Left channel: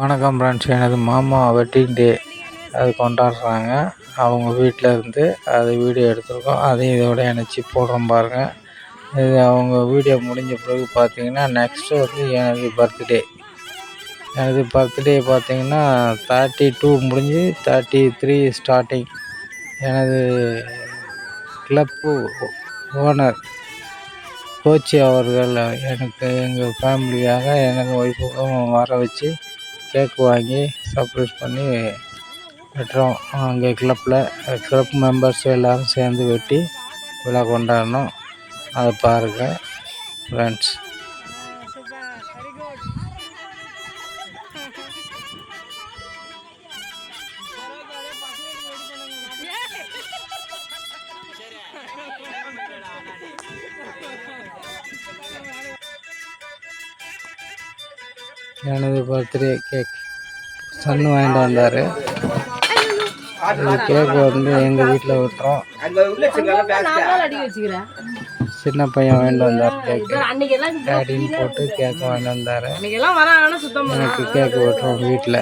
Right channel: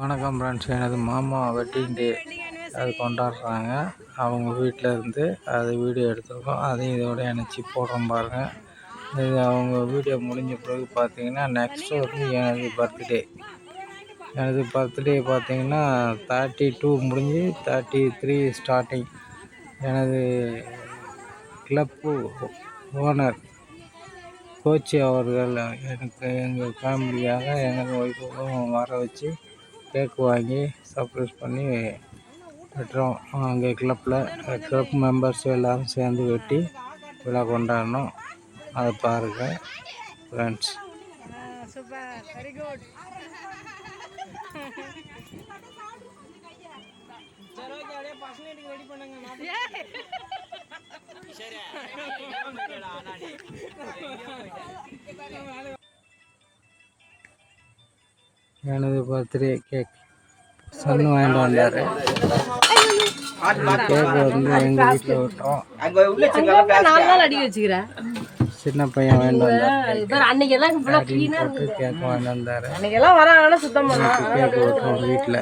வணக்கம் ஃப்ரெண்ட்ஸ், எனது மாமா வெட்டிங் டே அது கொண்டாடுறாங்க. அவங்க வீட்டில் இருந்து அது வீடியோ எடுத்துருக்கோம். அதையும் இதோட இணைச்சி போடுறோம் பாருங்கள். இது அவங்க வீடியோ முடிஞ்ச பிறகு பார்த்தீங்கன்னா நெக்ஸ்ட்டு வந்து எனது பர்த்டே பார்த்தீங்கன்னா 32 முடிஞ்சு 33 ஸ்டார்டிங். எனது கிளப்பு ஓனர் கோச்சி அவர்கள் எனக்கு எங்கள் ஃபேமிலியாக எனக்கு ஒய்ஃபுக்கும் வர வச்சு கேக் வாங்கி சர்ப்ரைஸ் பண்ணி வெட்டுறோம். அங்கே கிளப் மெம்பர்ஸ் எல்லோரும் சேர்ந்து வெட்டி விழா கொண்டாடணும். அதை பாருங்கள் ஃப்ரெண்ட்ஸ். எனது பர்த்டே கேக் சன்னு வாங்கிட்டு வந்தார். கேக் வந்து எங்கள் வீட்டில் விட்டுறோம். சின்ன பையன் வாங்கிட்டு வந்தார். கேக் போட்டு கேக் வாங்கிட்டு வந்தார். எனக்கு கேக் விட்டுறோம் வீட்டில்.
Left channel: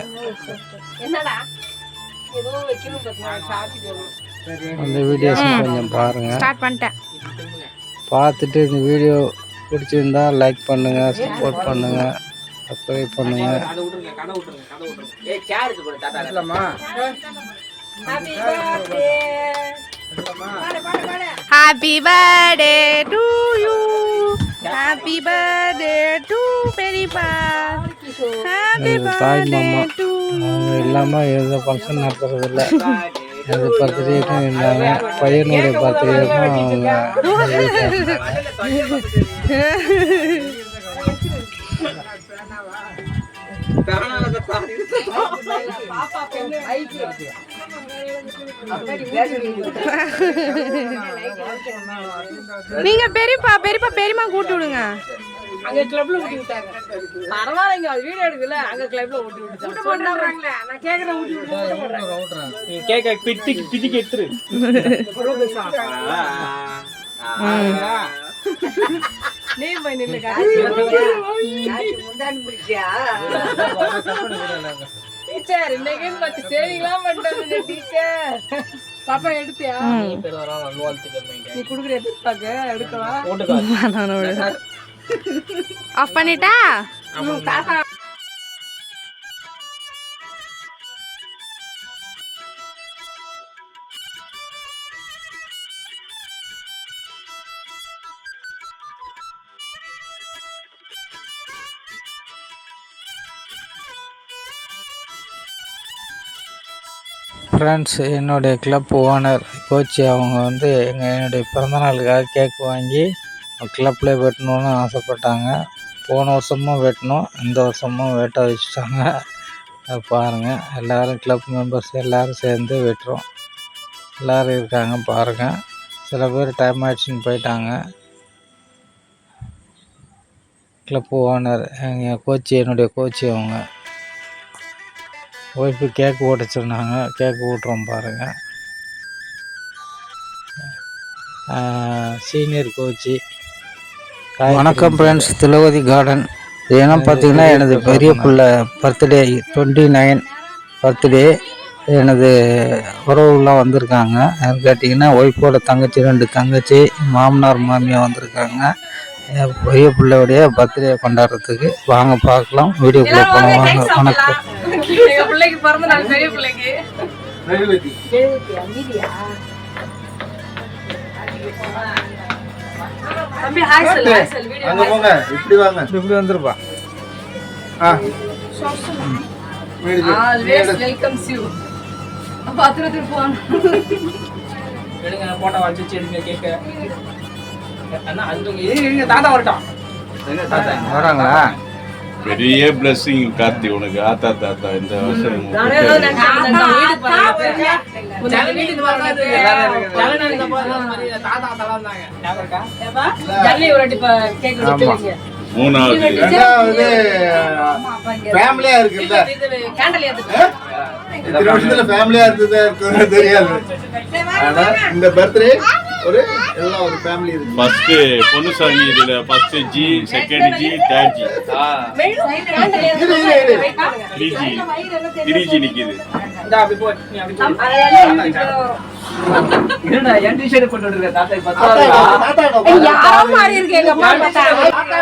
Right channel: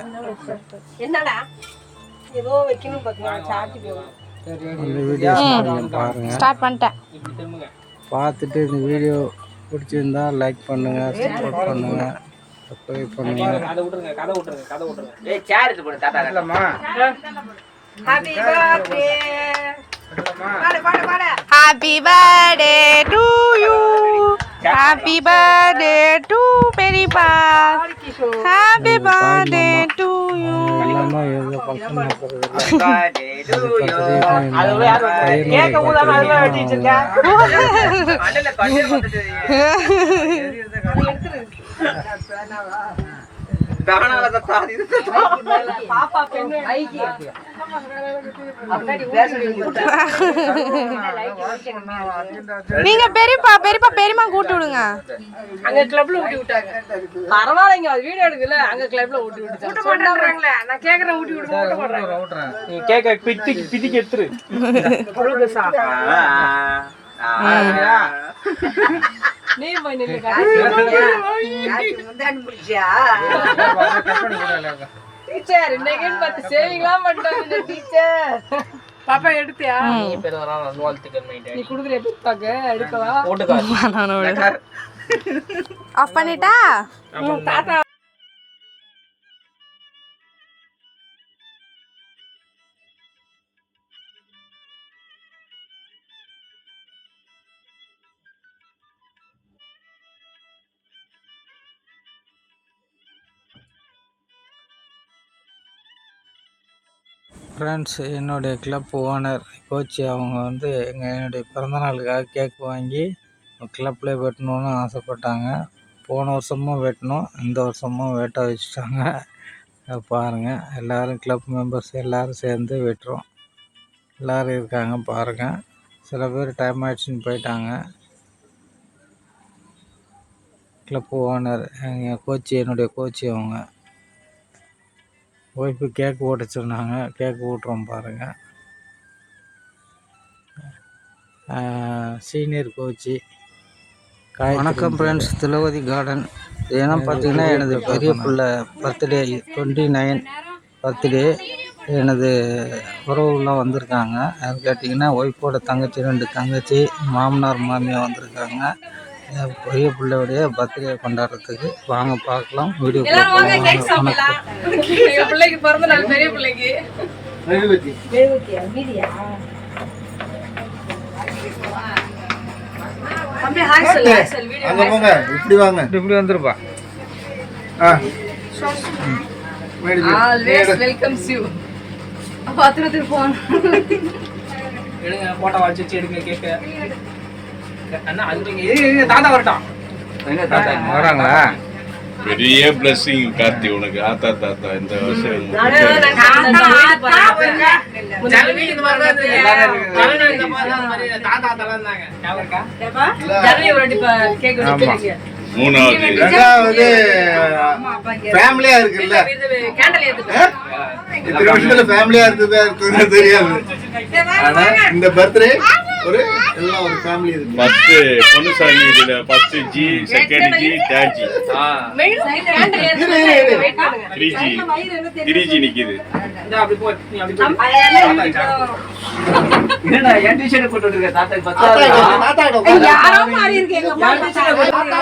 அந்த வீடியோஸ் கொஞ்சம் பாருங்கள். பார்த்துட்டு இந்த வீடியோ பிடிச்சிருந்தா லைக் பண்ணுங்கள், சப்போர்ட் பண்ணுங்கள், சப்ஸ்கிரைப் பண்ணுங்கள். Happy birthday to you. Happy birthday to பெரியப்பா. Happy birthday to you. இல்லாமல் எந்த ஃபங்க்ஷன் நடத்துறதில்லை. அது பர்த்டேக்கும் இல்லாமல் பையனுடைய பர்த்டேக்கும் நீங்க பெரியப்பா பெரியமா கூட்டு விடுங்க. அங்க கிளப்ல ஊட்டி விட்டாங்க. பரவாயில்லைங்க, அது வீடியோ எடுக்கல. அங்க கிளப்ல ஊட்டி விட்டாங்க. சொன்னாங்கல, நான் கேக்குறேன் ஊட்டி விடுங்க. நீ கேக்க பிடிக்கு எடுத்துரு. நீ மைனல டீச்சர் இன்னைக்கு பத்து சேவிங்லாம் பண்ணிட்டாங்க டீச்சர். பாப்பா எடுத்தியா? நீ குடுக்குற பாக்க எடுக்கவா? ஆஃப் பண்ணிட்டா? தாத்தா ஃப்ரெண்ட்ஸ், என்னுடைய கிளப் ஓனர் கோச்சி அவங்க வந்து என்னுடைய பிறந்தநாளுக்காக கேக் வாங்கி கிளப்பில் வெட்டணுன்னு ஆசைப்பட்டாங்க. போன வருஷமும் வெட்டணும், இந்த வருஷமும் வெட்ட வச்சுட்டாங்க. அதை பாருங்கள். எல்லோரும் கிளப் மெம்பர்ஸ் எல்லோரும் சேர்ந்து வெட்டுறோம். எல்லோரும் இருக்காங்க பாருங்கள். சில பேர் டைம் ஆகிடுச்சின்னு போயிட்டாங்க. கிளப் ஓனர் எங்கள் கோச்சி, என்னுடைய கோச்சி அவங்க ஒய்ஃபு கேக் ஓட்டிச்சிருந்தாங்க. கேக் ஊட்டுறோம் பாருங்கள். சீனியர் கோச்சி. வணக்கம் ஃப்ரெண்ட்ஸ், திலவதி கார்டன். ஏன்னா பார்த்தீங்கன்னா எனது பெரிய பிள்ளை பர்த்டே 29 பர்த்டே. எனது உறவுலாம் வந்திருக்காங்க. யாரும் கேட்டிங்கன்னா ஒய்ஃபோட தங்கச்சி, 2 தங்கச்சி, மாமனார் மாமியார் வந்திருக்காங்க. என் பெரிய பிள்ளையோடைய பர்த்டே கொண்டாடுறதுக்கு வாங்க பார்க்கலாம். வீடியோக்குள்ளே போகலாம். வணக்கம். பிள்ளைக்கு பிறந்த நாள், பெரிய பிள்ளைக்கு. தம்பி ஹாய் சொல்லு. அங்க போங்க, இப்படி வாங்க, இப்படி வந்துருப்பா. Always welcomes you. பாத்துட்டு போன் எடுங்க, போட்டோ வச்சு எடுங்க கேக்க. அண்ணா அது தாத்தா வரட்டும். வராங்களா? பெரிய பிளஸிங் கார்த்தி உனக்கு. தாத்தா இந்த வருஷம் மூணாவது ஃபேமிலியா இருக்குல்ல. ஃபேமிலியா இருந்தது தெரியாது. இந்த பர்த்டே ஒரு எல்லாம் ஒரு ஃபேமிலி இருக்கு. ஃபர்ஸ்ட் பொன்னுசாமி இதுல first G, second G, third G, 3G நிக்குது. இந்த அப்படி போ, நீ அப்படி போ. என்னடா என் டிஷர்ட் போட்டு இருக்க தாத்தா பத்தாதா? யாரோ மாறி இருக்கு எங்க அம்மா பார்த்தா.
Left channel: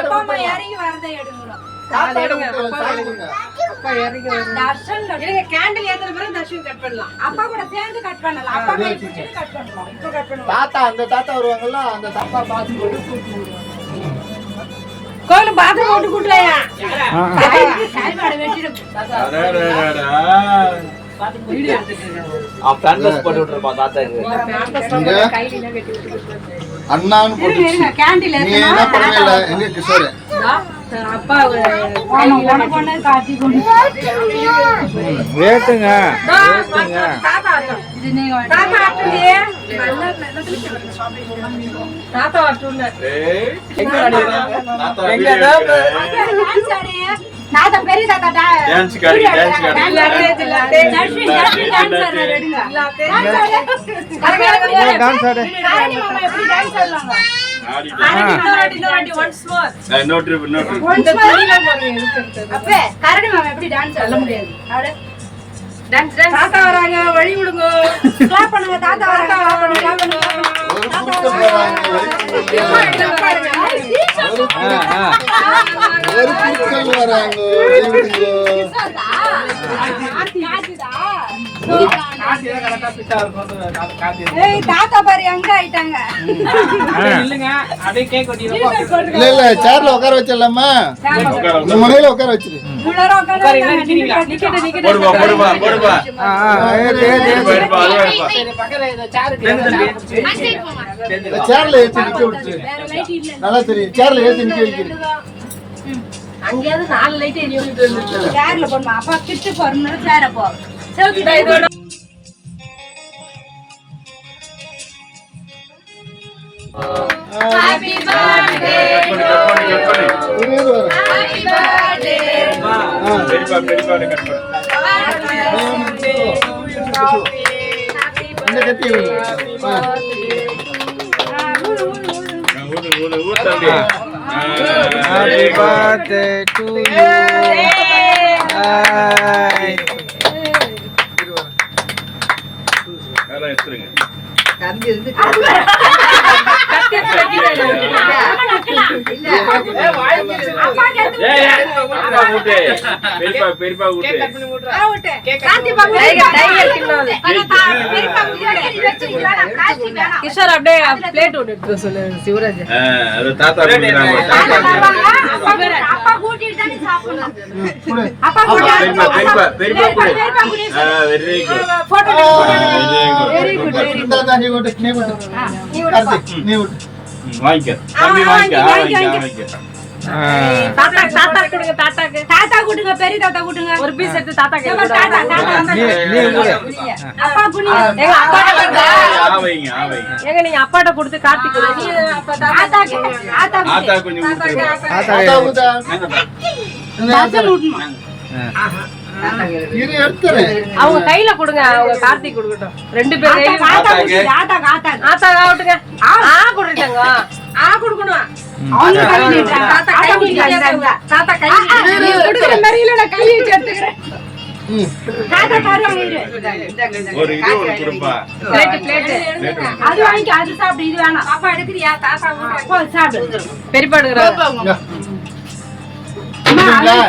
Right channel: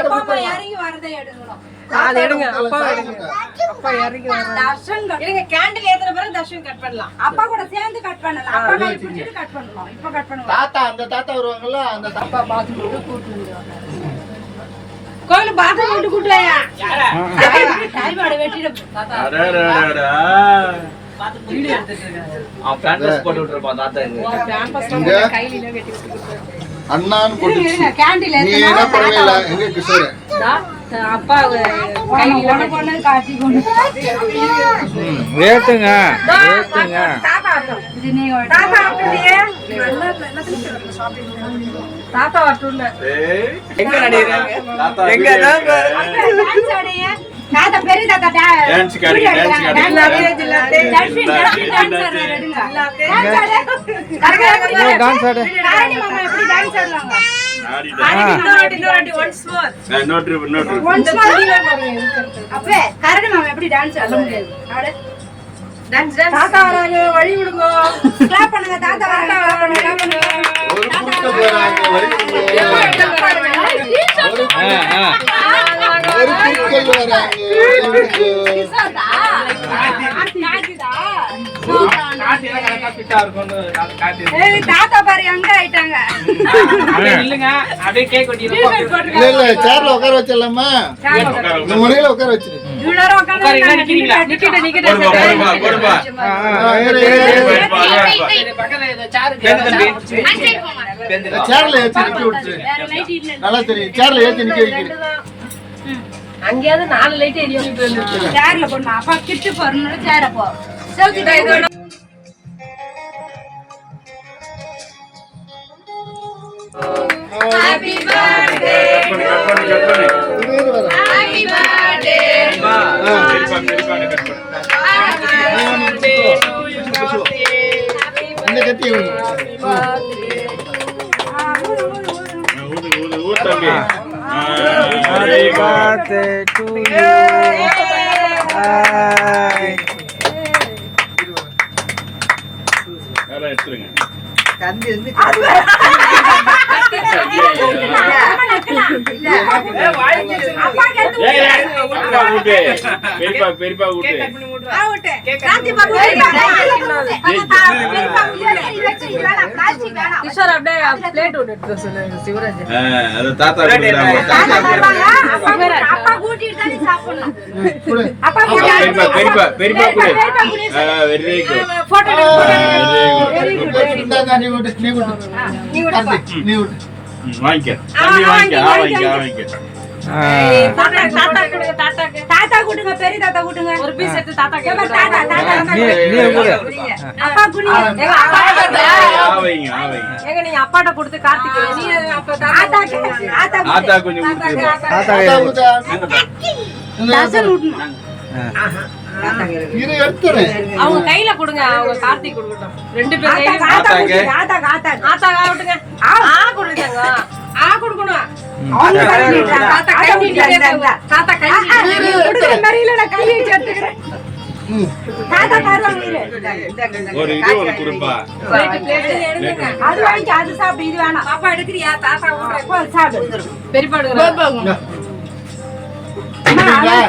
அப்பா அம்மா இறங்கி வரதே எடுங்கடா. நான் எடுங்க. அப்பா இறங்கி வர. தர்ஷன் எடுங்க. கேண்டில் ஏத்துற பிறகு தர்ஷன் கட் பண்ணலாம். அப்பா கூட சேர்ந்து கட் பண்ணலாம். அப்பா கை பிடிச்சிட்டு கட் பண்ணலாம். இப்போ கட் பண்ணுவோம். தாத்தா அந்த தாத்தா வருவாங்கல்ல, அந்த தாத்தா பாத்து போட்டு கூட்டிடுவாங்க. கோயில பாத்ரூம் போட்டு கூட்டலையா? தாய்மாட வெட்டிட. அடடடடா. வீடியோ எடுத்துட்டு இருக்காங்க. பேம்பஸ் போட்டு விட்டுறப்பா தாத்தா இது. பேம்பஸ் போட்டு கையில கட்டி விட்டுட்டு. அண்ணான்னு போட்டுச்சு. கேண்டில் நீ என்ன பண்ணல? எங்க கிஷோர் அப்பா கையில கொண்டு காட்டி கொண்டு ஏத்துங்க ஏத்துங்க. இது நீ தாத்தா அப்படியே நல்லா எல்லாத்துலயும் ஷாப்பிங் தாத்தா வரட்டும்ல. எங்க நடிகறாங்க? தாத்தா எங்க தாத்தா? டான்ஸ் ஆடியே. தாத்தா பெரிய தாத்தா டான்ஸ் காடி, டான்ஸ் காடி. தர்ஷன் டான்ஸ் ஆடுறீங்க. டான்ஸ் ஆடு. டான்ஸ் ஆடு. காரணி மாமா எப்படி டான்ஸ் ஆடுறாங்க? இன்னொரு once more. No trip. அப்பே கரடி மாமா எப்படி டான்ஸ் ஆட முடியாது. ஆடு. டான்ஸ் தாத்தா வராங்க, வழி விடுங்க. கிளாப் பண்ணுங்க. தாத்தா வராங்க, கிளாப் பண்ணுங்க, கிளாப் பண்ணுங்க. ஒரு கூட்ட போறாங்க. ஒரு கூட்டல் வராங்க. தாத்தா பாரு எங்க ஆயிட்டாங்க. இல்லங்க அப்படியே கேக் வெட்டிடுவோம். இல்ல இல்ல சேர்ல உட்கார வச்சிடலாமா? இந்த முனையில உட்கார வச்சிரு. இவ்வளவு உட்கார்ந்து நிக்கிறீங்களா? போடுப்பா, போடுப்பா. பக்கத்துல இந்த சேருக்கு சேர்ல ஏத்தி நிக்க விட்டுரு. நல்லா தெரியும். சேர்ல ஏத்தி நிக்க வைக்கிறேன். அங்கேயாவது 4 லைட் எரியும். சேர்ல போடுமா. அப்பா கிட்டு போறனால சேர போ. செவுத்திடா இதோட. Happy birthday. கட் பண்ணு. இது வர. Happy birthday. பெரியப்பா கட் பண்ணு. இந்த கத்தி விடு. ஊர் தம்பி. Happy birthday to you. Bye. அதான் எடுத்துருங்க. பெரியப்பா ஊட்டு. கிஷோர் அப்படியே பிளேட் விட்டு சொல்லு சிவராஜ். அது தாத்தா கொடுக்குறாங்க. அப்பா கூட்டிட்டு தான் சாப்பிடணும். குடு. அப்பா பெரியப்பா கொடு. Very good. போட்டோ இந்தா நீ விட்டு. நீ விட்டு. கார்த்திக், நீ விட்டு. வாங்கிக்க. தம்பி வாங்கிக்க. தாத்தா கூட்டுங்க. பெரிய தாத்தா கூட்டுங்க. ஒரு பீஸ் எடுத்து தாத்தா தாத்தா நீ கூட. அப்பா புனிய எங்க அப்பா ஆவைங்க. எங்க நீங்க அப்பாட்ட கொடுத்து கார்த்திக் நீ அப்பா தாத்தா ஆத்தா கொஞ்சம் ஊட்டு. தாத்தா தாத்தா விட்டா. தாத்தா ஊட்டணும். இரு எடுத்துறேன். அவங்க கையில கொடுங்க. அவங்க கார்த்திக் கொடுக்கட்டும். 2 பேர் கையில தாத்தா ஆத்தா ஆவட்டுங்க. கொடுத்தாங்க. கொடுக்கணும். தாத்தா கை கொடுக்குற மாதிரி இல்ல, நான் கை வச்சு எடுத்துக்கிறேன். தாத்தா தருவாங்க இரு. ஒரு இது ஒரு குடும்பா. அது வாங்கி அது சாப்பிடு. இது வேணாம். பாப்பா எடுக்கிறியா? தாத்தா ஊட்டுறேன். சாப்பிடு. பெரியப்பா எடுக்கறாங்க.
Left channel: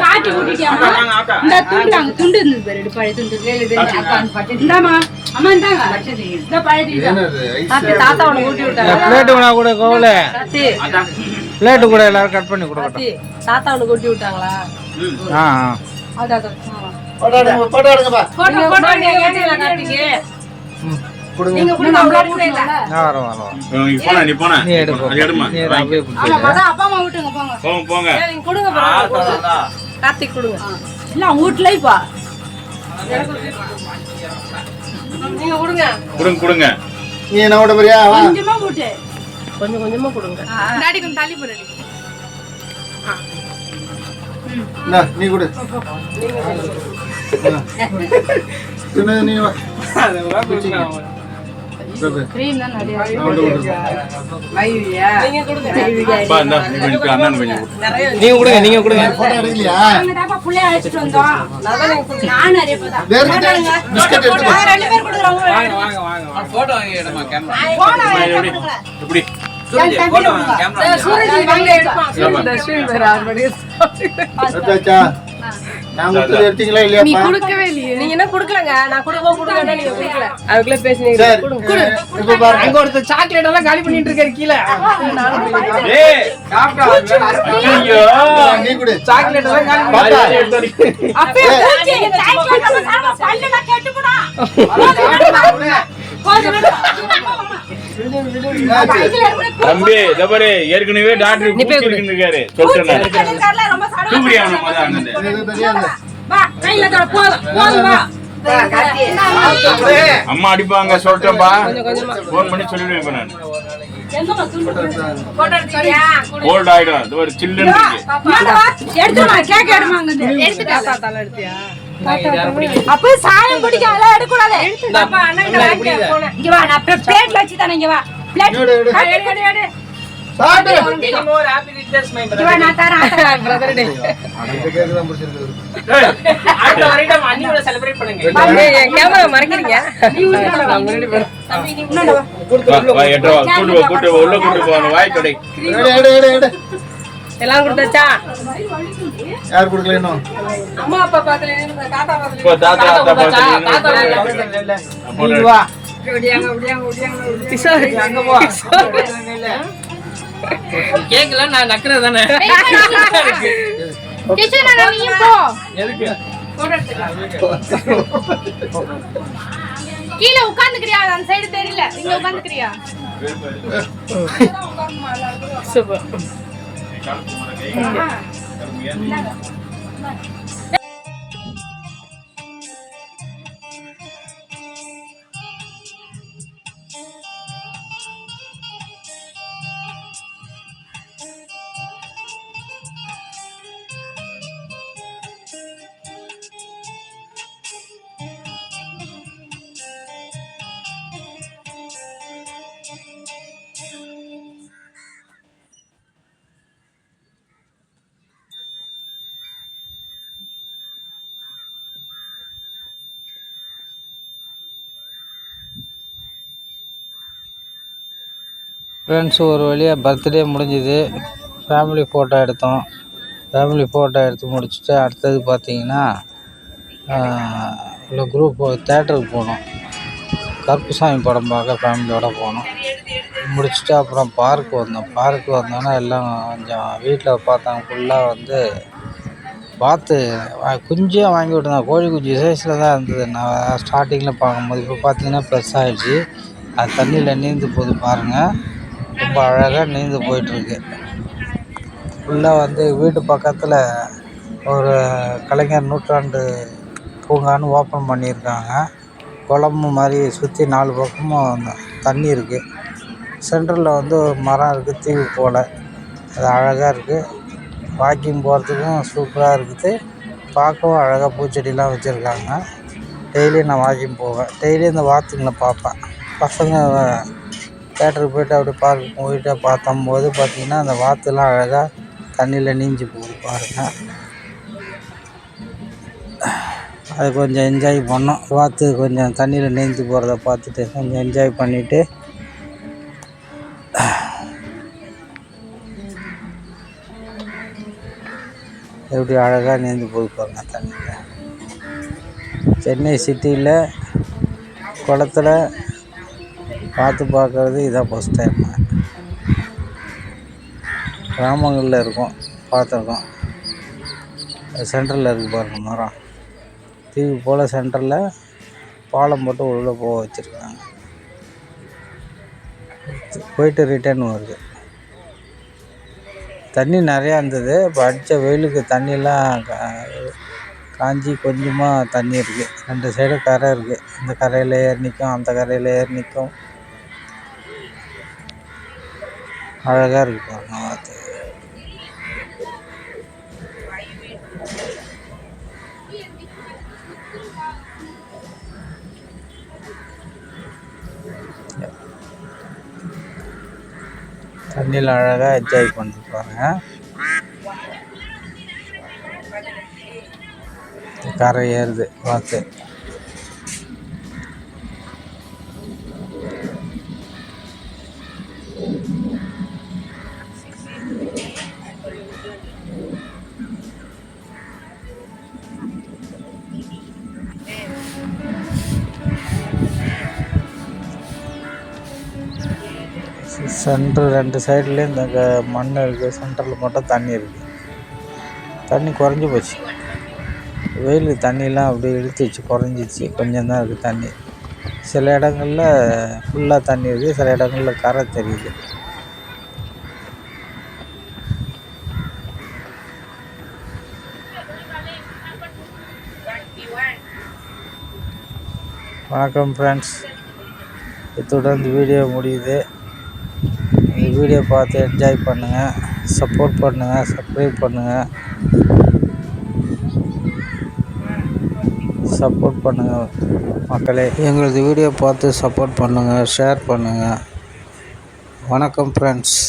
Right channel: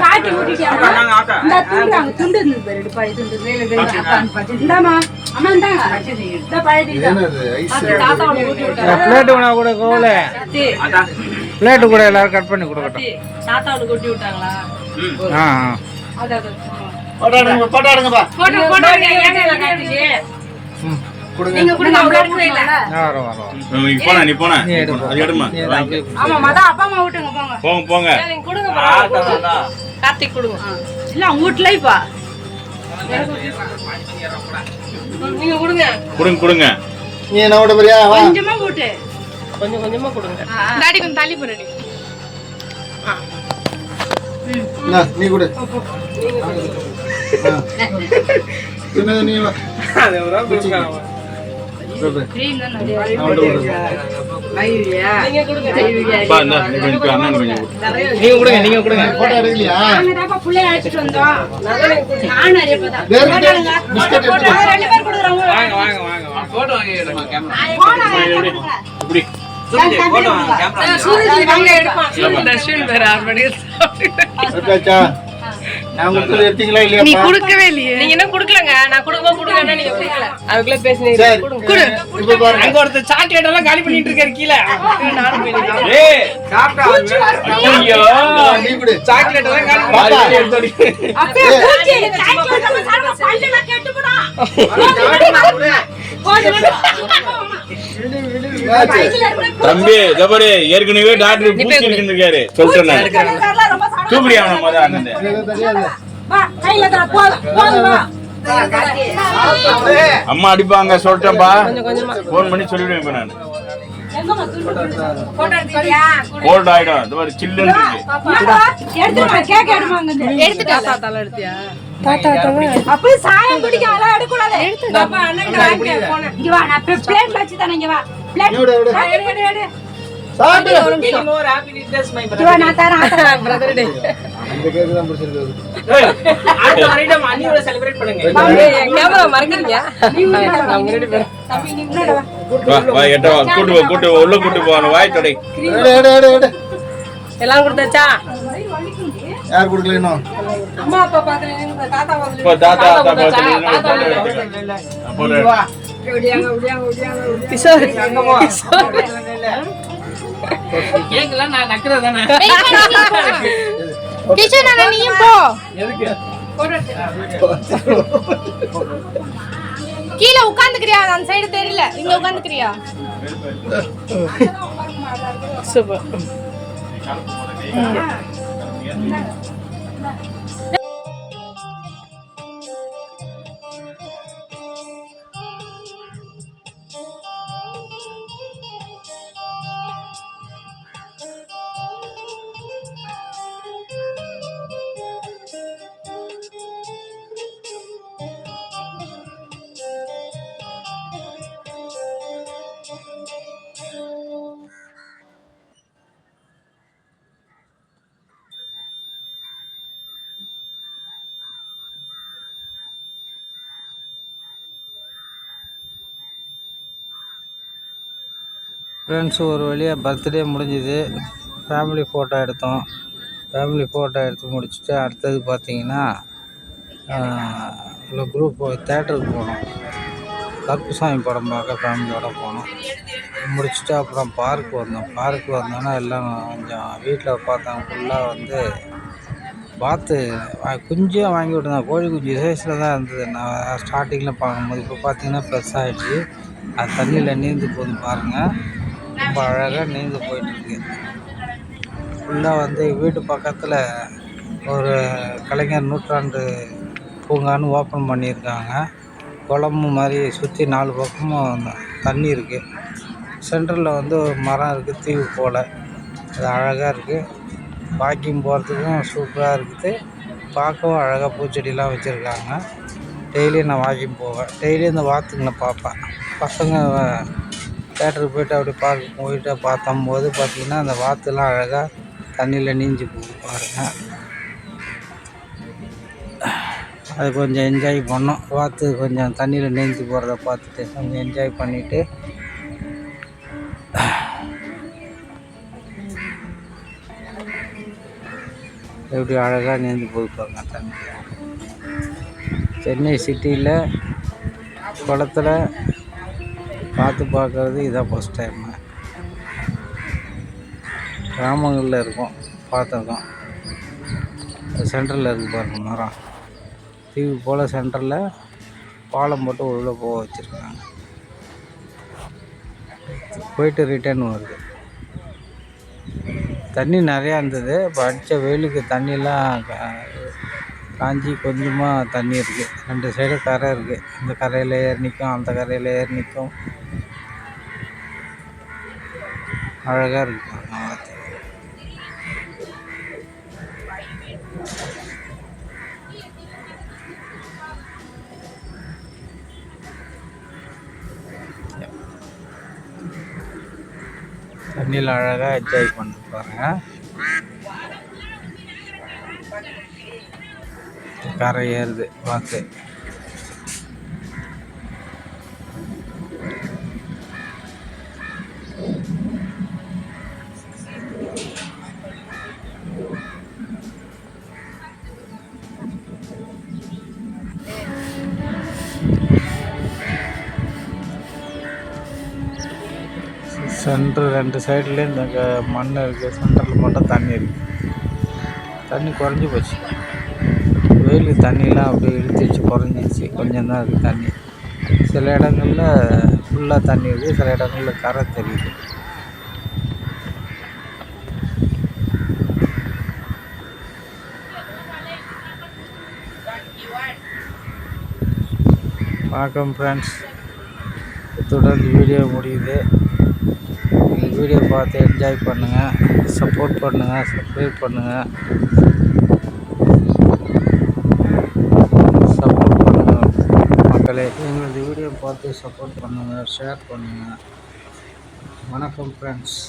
காட்டி ஊட்டிட்டியாமா? இந்த துண்டு இருந்தது பாரு. இது பழைய துண்டு. இந்தாமா. அம்மா இந்தாங்க. இந்த பழைய என்னது ஐஸ்? தாத்தா உனக்கு ஊட்டி விட்டாங்க. பிளேட் வேணா கூட கோவல. கார்த்தி, பிளேட் கூட எல்லாரும் கட் பண்ணி கொடுக்கட்டும். கார்த்தி, தாத்தா உனக்கு ஊட்டி விட்டாங்களா? அதான் போட்டாடுங்கப்பா. போட்டோ ஏங்க கார்த்திக்கு. கொடுங்க. நீங்க கொடுங்க. அவங்க எடுக்கல. வரோம். நீ போனா நீ எடுப்போம். அது எடுமா. ஆமா மத அப்பா அம்மா ஊட்டுங்க போங்க. போங்க. நீங்க கொடுங்க பாருங்க. கார்த்திக் கொடுங்க. இல்ல ஊட்லைப்பா. நீங்க கொடுங்க. கொடுங்க. நீ என்ன ஓட போறியா? வா. கொஞ்சமா ஊட்டு. கொஞ்சம் கொஞ்சமா கொடுங்க. டாடி கொஞ்சம் தள்ளி போறடி. இந்தா, நீ கொடு. நீ வா. நீங்க கொடுங்க. அப்பா, இந்தா, கொஞ்சம் அண்ணனுக்கு கொஞ்சம் கொடு. நீங்க கொடுங்க. போட்டோ எடுக்கலையா? புள்ளைய அழைச்சிட்டு வந்தோம். நான் நிறைய பேர் தான். வேற பிஸ்கட் எடுத்து நாங்க 2 பேர் கொடுக்குறோம். இப்படி சூரஜ் வாங்க எடுப்பான். தர்ஷன் வேற 6 மணிக்கு எடுத்தாச்சா? நான் கொடுத்தது எடுத்தீங்களா இல்லையா? கொடுக்கவே இல்லையே. நீங்க என்ன கொடுக்கலங்க. நான் கொடுக்கன்னா நீங்க கொடுக்கல. அதுக்குள்ள பேசுனீங்க. சரி. குடு. இப்ப பாருங்க. அங்க ஒருத்தர் சாக்லேட் எல்லாம் காலி பண்ணிட்டு இருக்காரு கீழ. நானும் போய் நிக்கிறேன். ஏய் ஐயோ நீ கொடு. சாக்லேட் எல்லாம் காலி பாப்பா. அப்படியே பூச்சி, சாக்லேட் நம்ம சாப்பிட பல்லுல கெட்டுப்புடா. தம்பி இதபாரு ஏற்கனவே டாக்டர் பூச்சிட்டு இருக்காரு சொல்லிட்டேன் தூக்குறியா அவன மொத அண்ணன் இது தெரியாது. வா, கையில தர போதும் வா. அம்மா அடிப்பாங்க சொல்லிட்டேன்பா கொஞ்சமா. ஃபோன் பண்ணி சொல்லிடுவேன் இப்ப நான் போட்டோ எடுத்தியா? கோல்ட் ஆயிடும் இதபாரு சில்லுன்னு இருக்கு எடுத்துமா, கேக் எடுமாங்க. எடுத்துட்டா. தாத்தா தலை எடுத்தியா? அப்ப சாயம் குடிக்க அல எடுக்க கூடாது. பாப்பா அண்ணன் வாங்க போன. இங்க வா, நான் பிளேட்ல வச்சு தரேன். இங்க வா. பிளேட் எடு, எடு. எடு. சாப்பிடு. Anymore happy returns my இங்க வா, நான் தரேன். brother day. இந்த கேக் தான் பிடிச்சிருக்கு. அடுத்த வருடம் அண்ணியோட செலிப்ரேட் பண்ணுங்க. என் கேமரா மறைக்கிறீங்க. நான் முன்னாடி போறேன். தம்பி நீ முன்னாடி வா. வா எட்ட வா கூட்டு உள்ள கூட்டு போன வாய் கடை எடு. எல்லாம் கொடுத்தாச்சா? யார் கொடுக்கல இன்னும்? அம்மா அப்பா பாக்கல, தாத்தா பாக்கல. இப்போ தாத்தா வா. கிஷோர் அங்க போ. கேக்கலாம் நான் நக்கறது தானே. கிஷன் அண்ணா நீயும் போ. எதுக்கு? கீழ உட்கார்ந்துக்கறியா? அந்த சைடு தெரியல. இங்க உட்கார்ந்துக்கறியா? சூப்பர். ஃப்ரெண்ட்ஸ் ஒரு வழியாக பர்த்டே முடிஞ்சுது. ஃபேமிலி ஃபோட்டோ எடுத்தோம். ஃபேமிலி ஃபோட்டோ எடுத்து முடிச்சுட்டு அடுத்தது பார்த்திங்கன்னா இல்லை குரூப் தேட்டருக்கு போனோம். கருப்புசாமி படம் பார்க்க ஃபேமிலியோடு போனோம். முடிச்சுட்டு அப்புறம் பார்க்கு வந்தோம். பார்க்கு வந்தோன்னா எல்லாம் கொஞ்சம் வீட்டில் பார்த்தாங்க ஃபுல்லாக வந்து வாத்து குஞ்சியாக வாங்கி விட்டுருந்தேன். கோழி குஞ்சு சைஸில் தான் இருந்தது. நான் ஸ்டார்டிங்கில் பார்க்கும்போது இப்போ பார்த்திங்கன்னா பெருசாகிடுச்சு. அது தண்ணியில் நீந்து போகுது பாருங்கள். ரொம்ப அழகாக நீந்து போயிட்டுருக்கு. ஃபுல்லாக வந்து வீட்டு பக்கத்தில் ஒரு கலைஞர் நூற்றாண்டு பூங்கான்னு ஓப்பன் பண்ணியிருக்காங்க. குளம்பு மாதிரி சுற்றி 4 பக்கமும் தண்ணி இருக்குது. சென்டரில் வந்து ஒரு மரம் இருக்குது தீவு போல். அது அழகாக இருக்குது. வாக்கிங் போகிறதுக்கும் சூப்பராக இருக்குது. பார்க்கவும் அழகாக பூச்செடிலாம் வச்சுருக்காங்க. டெய்லியும் நான் வாக்கிங் போவேன். டெய்லியும் இந்த வாத்துங்களை பார்ப்பேன். பசங்க தேட்டருக்கு போய்ட்டு அப்படி பார்க்க போயிட்டு பார்த்தம்போது பார்த்திங்கன்னா அந்த வாத்துலாம் அழகாக தண்ணியில் நீஞ்சி போகுது பாருங்கள். அது கொஞ்சம் என்ஜாய் பண்ணோம். வாத்து கொஞ்சம் தண்ணியில் நீந்தி போகிறத பார்த்துட்டு கொஞ்சம் என்ஜாய் பண்ணிவிட்டு எப்படி அழகாக நீந்தி போகுது பாருங்கள் தண்ணியில். சென்னை சிட்டியில் குளத்துல பார்க்குறது இதான் ஃபஸ்ட் டைம். கிராமங்களில் இருக்கும் பார்த்துருக்கோம். சென்டரில் இருக்குது பாருங்கள் மரம். தீவு போல் சென்டரில் பாலம் போட்டு உள்ளே போக வச்சுருக்காங்க. போயிட்டு ரிட்டர்ன் வருது. தண்ணி நிறையா இருந்தது. இப்போ அடித்த வெயிலுக்கு தண்ணியெல்லாம் காஞ்சி கொஞ்சமாக தண்ணி இருக்குது. 2 சைடும் கரை இருக்குது. இந்த கரையில் ஏறி நிற்கும், அந்த கரையில் ஏறி நிற்கும். அழகாக இருக்குது பாருங்க வாத்து. தண்ணியில் அழகாக என்ஜாய் பண்ணிட்டு பாருங்க. கரை ஏறுது பார்த்து. சென்ட்ரு 2 சைட்லேயும் இந்த மண் இருக்குது. சென்டரில் மட்டும் தண்ணி இருக்குது. தண்ணி குறைஞ்சி போச்சு. வெயில் தண்ணியெலாம் அப்படியே இழுத்துச்சு, குறைஞ்சிச்சு. கொஞ்சம் தான் இருக்குது தண்ணி. சில இடங்களில் ஃபுல்லாக தண்ணி இருக்குது, சில இடங்களில் கரை தெரியுது. வணக்கம் ஃப்ரெண்ட்ஸ், இத்துடன் இந்த வீடியோ முடியுது. இந்த வீடியோ பார்த்து என்ஜாய் பண்ணுங்கள், சப்போர்ட் பண்ணுங்கள், சப்ஸ்கிரைப் பண்ணுங்கள், சப்போர்ட் பண்ணுங்கள் மக்களே. எங்களது வீடியோ பார்த்து சப்போர்ட் பண்ணுங்கள், ஷேர் பண்ணுங்கள். வணக்கம் ஃப்ரெண்ட்ஸ்.